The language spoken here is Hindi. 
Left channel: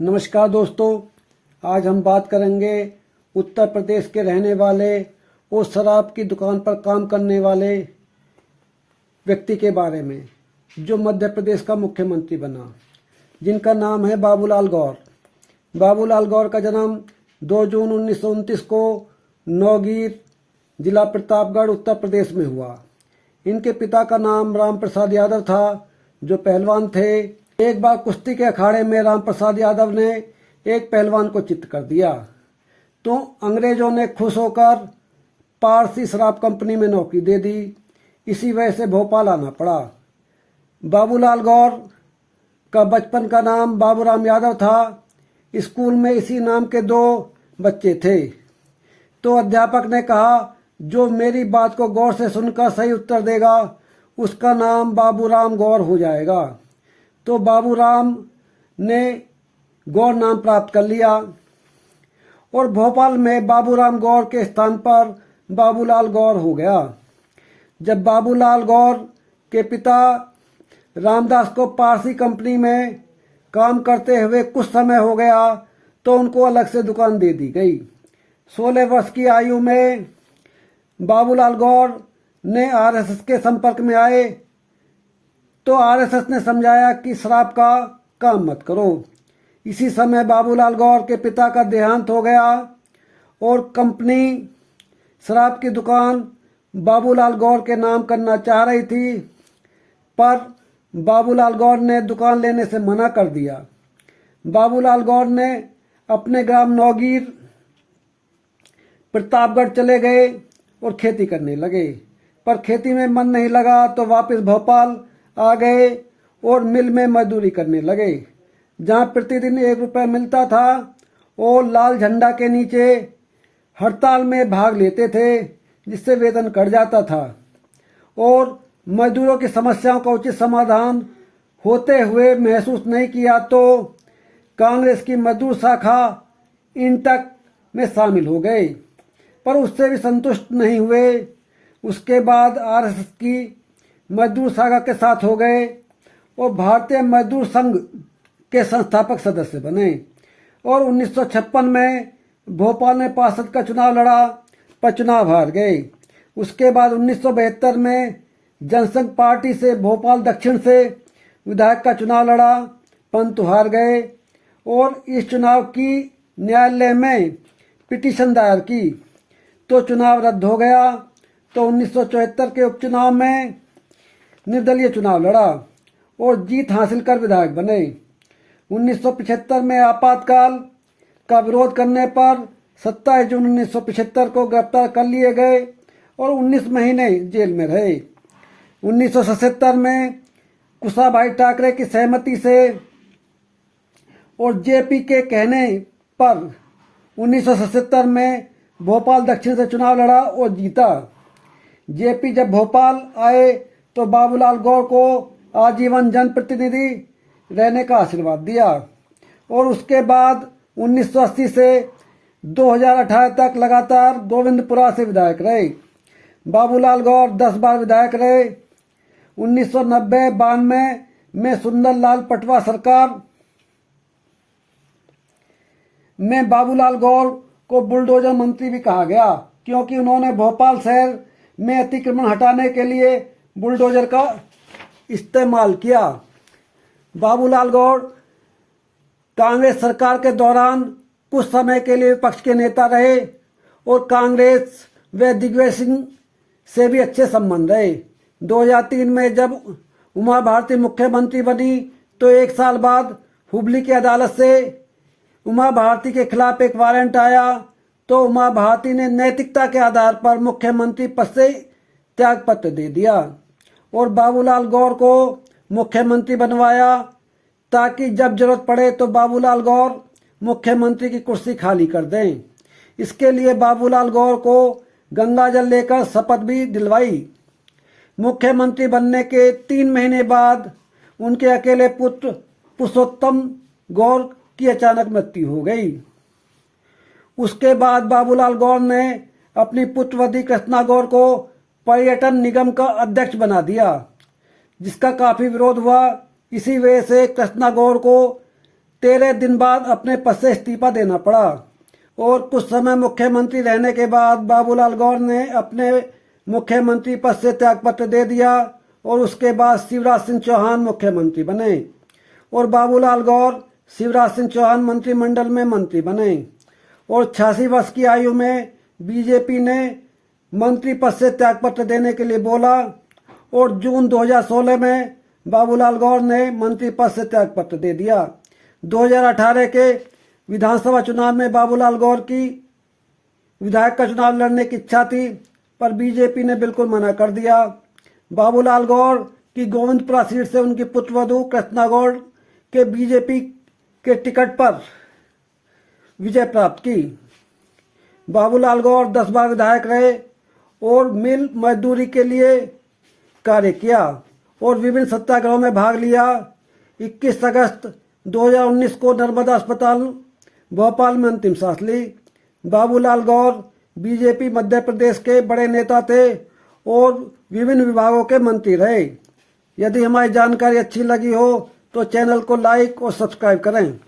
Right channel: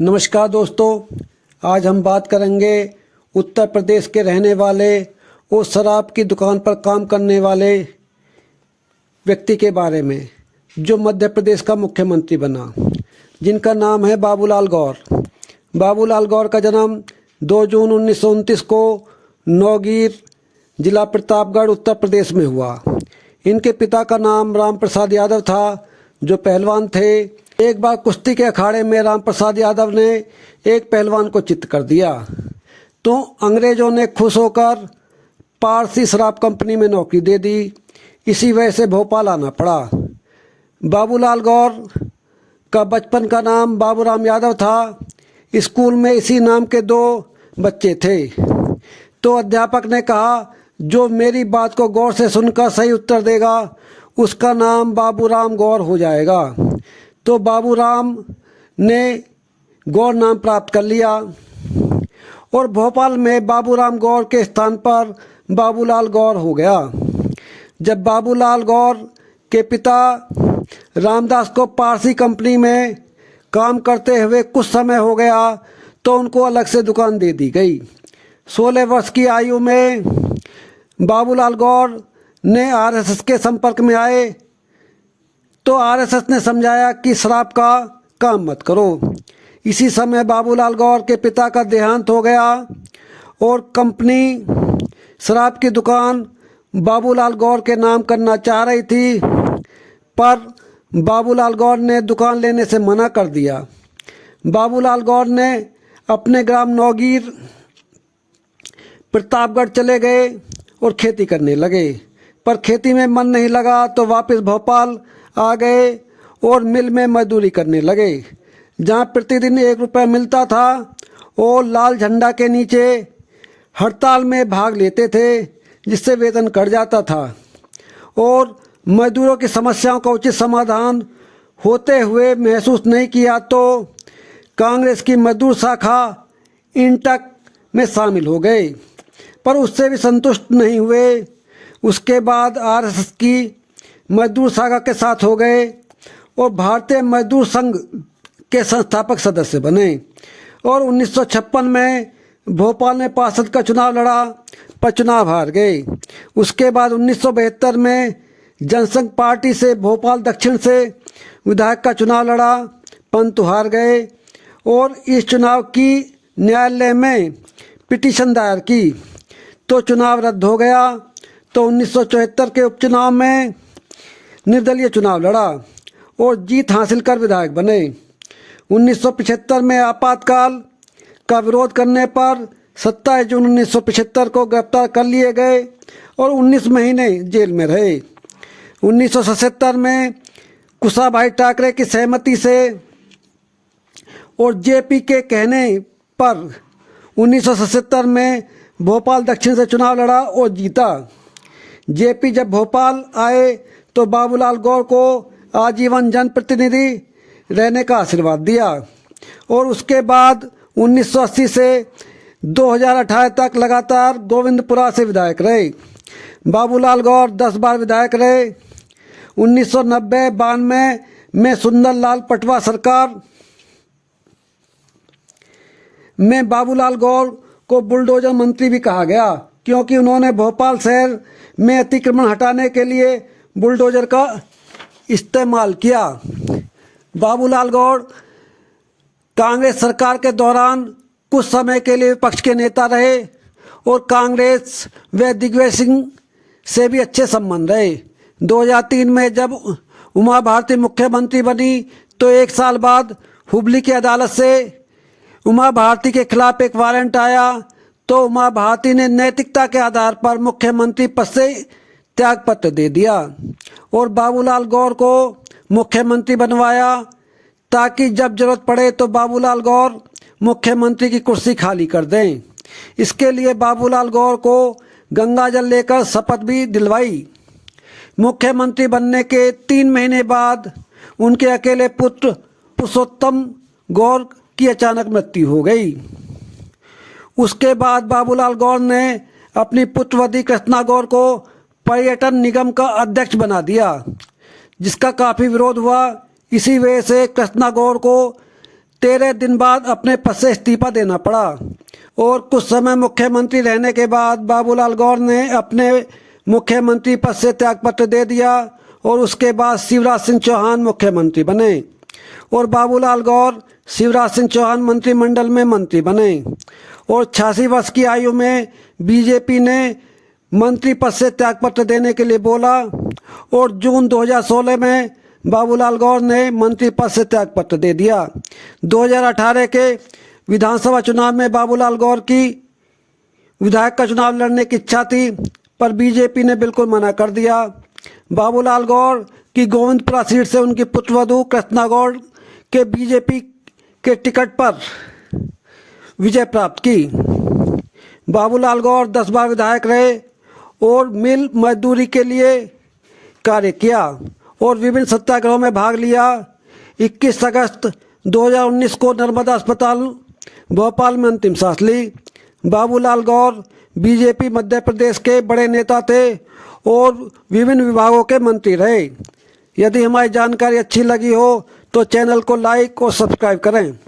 नमस्कार दोस्तों, आज हम बात करेंगे उत्तर प्रदेश के रहने वाले और शराब की दुकान पर काम करने वाले व्यक्ति के बारे में जो मध्य प्रदेश का मुख्यमंत्री बना, जिनका नाम है बाबूलाल गौर। बाबूलाल गौर का जन्म 2 जून 1929 को नौगीर जिला प्रतापगढ़ उत्तर प्रदेश में हुआ। इनके पिता का नाम राम प्रसाद यादव था, जो पहलवान थे। एक बार कुश्ती के अखाड़े में राम प्रसाद यादव ने एक पहलवान को चित्त कर दिया, तो अंग्रेजों ने खुश होकर पारसी शराब कंपनी में नौकरी दे दी। इसी वजह से भोपाल आना पड़ा। बाबूलाल गौर का बचपन का नाम बाबूराम यादव था। स्कूल में इसी नाम के 2 बच्चे थे, तो अध्यापक ने कहा, जो मेरी बात को गौर से सुनकर सही उत्तर देगा उसका नाम बाबूराम गौर हो जाएगा। तो बाबूराम ने गौर नाम प्राप्त कर लिया और भोपाल में बाबूराम गौर के स्थान पर बाबूलाल गौर हो गया। जब बाबूलाल गौर के पिता रामदास को पारसी कंपनी में काम करते हुए कुछ समय हो गया, तो उनको अलग से दुकान दे दी गई। 16 वर्ष की आयु में बाबूलाल गौर ने आरएसएस के संपर्क में आए, तो आरएसएस ने समझाया कि शराब का काम मत करो। इसी समय बाबूलाल गौर के पिता का देहांत हो गया और कंपनी शराब की दुकान बाबूलाल गौर के नाम करना चाह रही थी, पर बाबूलाल गौर ने दुकान लेने से मना कर दिया। बाबूलाल गौर ने अपने ग्राम नौगीर प्रतापगढ़ चले गए और खेती करने लगे, पर खेती में मन नहीं लगा, तो वापस भोपाल आ गए और मिल में मजदूरी करने लगे, जहां प्रतिदिन 1 रुपये मिलता था, और लाल झंडा के नीचे हड़ताल में भाग लेते थे, जिससे वेतन कट जाता था और मजदूरों की समस्याओं का उचित समाधान होते हुए महसूस नहीं किया, तो कांग्रेस की मजदूर शाखा इंटक में शामिल हो गए, पर उससे भी संतुष्ट नहीं हुए। उसके बाद आरएसएस की मजदूर शाखा के साथ हो गए और भारतीय मजदूर संघ के संस्थापक सदस्य बने, और 1956 में भोपाल में पार्षद का चुनाव लड़ा, पर चुनाव हार गए। उसके बाद 1972 में जनसंघ पार्टी से भोपाल दक्षिण से विधायक का चुनाव लड़ा, परंतु हार गए, और इस चुनाव की न्यायालय में पिटीशन दायर की, तो चुनाव रद्द हो गया। तो 1974 के उपचुनाव में निर्दलीय चुनाव लड़ा और जीत हासिल कर विधायक बने। 1975 में आपातकाल का विरोध करने पर 27 जून 1975 को गिरफ्तार कर लिए गए और 19 महीने जेल में रहे। 1977 में कुशाभाई ठाकरे की सहमति से और जेपी के कहने पर 1977 में भोपाल दक्षिण से चुनाव लड़ा और जीता। जेपी जब भोपाल आए तो बाबूलाल गौर को आजीवन जनप्रतिनिधि रहने का आशीर्वाद दिया, और उसके बाद 1980 से 2018 तक लगातार गोविंदपुरा से विधायक रहे। बाबूलाल गौर 10 बार विधायक रहे। 1990-92 में सुंदरलाल पटवा सरकार में बाबूलाल गौर को बुलडोजर मंत्री भी कहा गया, क्योंकि उन्होंने भोपाल शहर में अतिक्रमण हटाने के लिए बुलडोजर का इस्तेमाल किया। बाबूलाल गौर कांग्रेस सरकार के दौरान कुछ समय के लिए विपक्ष के नेता रहे और कांग्रेस व दिग्विजय सिंह से भी अच्छे संबंध रहे। 2003 में जब उमा भारती मुख्यमंत्री बनी, तो 1 साल बाद हुबली की अदालत से उमा भारती के खिलाफ एक वारंट आया, तो उमा भारती ने नैतिकता के आधार पर मुख्यमंत्री पद से त्यागपत्र दे दिया और बाबूलाल गौर को मुख्यमंत्री बनवाया, ताकि जब जरूरत पड़े तो बाबूलाल गौर मुख्यमंत्री की कुर्सी खाली कर दें। इसके लिए बाबूलाल गौर को गंगाजल लेकर शपथ भी दिलवाई। मुख्यमंत्री बनने के 3 महीने बाद उनके अकेले पुत्र पुरुषोत्तम गौर की अचानक मृत्यु हो गई। उसके बाद बाबूलाल गौर ने अपनी पुत्रवती कृष्णा गौर को पर्यटन निगम का अध्यक्ष बना दिया, जिसका काफ़ी विरोध हुआ। इसी वजह से कृष्णा गौर को 13 दिन बाद अपने पद से इस्तीफा देना पड़ा और कुछ समय मुख्यमंत्री रहने के बाद बाबूलाल गौर ने अपने मुख्यमंत्री पद से त्यागपत्र दे दिया और उसके बाद शिवराज सिंह चौहान मुख्यमंत्री बने और बाबूलाल गौर शिवराज सिंह चौहान मंत्रिमंडल में मंत्री बने और 86 वर्ष की आयु में बीजेपी ने मंत्री पद से त्यागपत्र देने के लिए बोला और जून 2016 में बाबूलाल गौर ने मंत्री पद से त्यागपत्र दे दिया। 2018 के विधानसभा चुनाव में बाबूलाल गौर की विधायक का चुनाव लड़ने की इच्छा थी, पर बीजेपी ने बिल्कुल मना कर दिया। बाबूलाल गौर की गोविंदपुरा सीट से उनकी पुत्रवधू कृष्णा गौर के बीजेपी के टिकट पर विजय प्राप्त की। बाबूलाल गौर 10 बार विधायक रहे और मिल मजदूरी के लिए कार्य किया और विभिन्न सत्याग्रहों में भाग लिया। 21 अगस्त 2019 को नर्मदा अस्पताल भोपाल में अंतिम सांस ली। बाबूलाल गौर बीजेपी मध्य प्रदेश के बड़े नेता थे और विभिन्न विभागों के मंत्री रहे। यदि हमारी जानकारी अच्छी लगी हो तो चैनल को लाइक और सब्सक्राइब करें।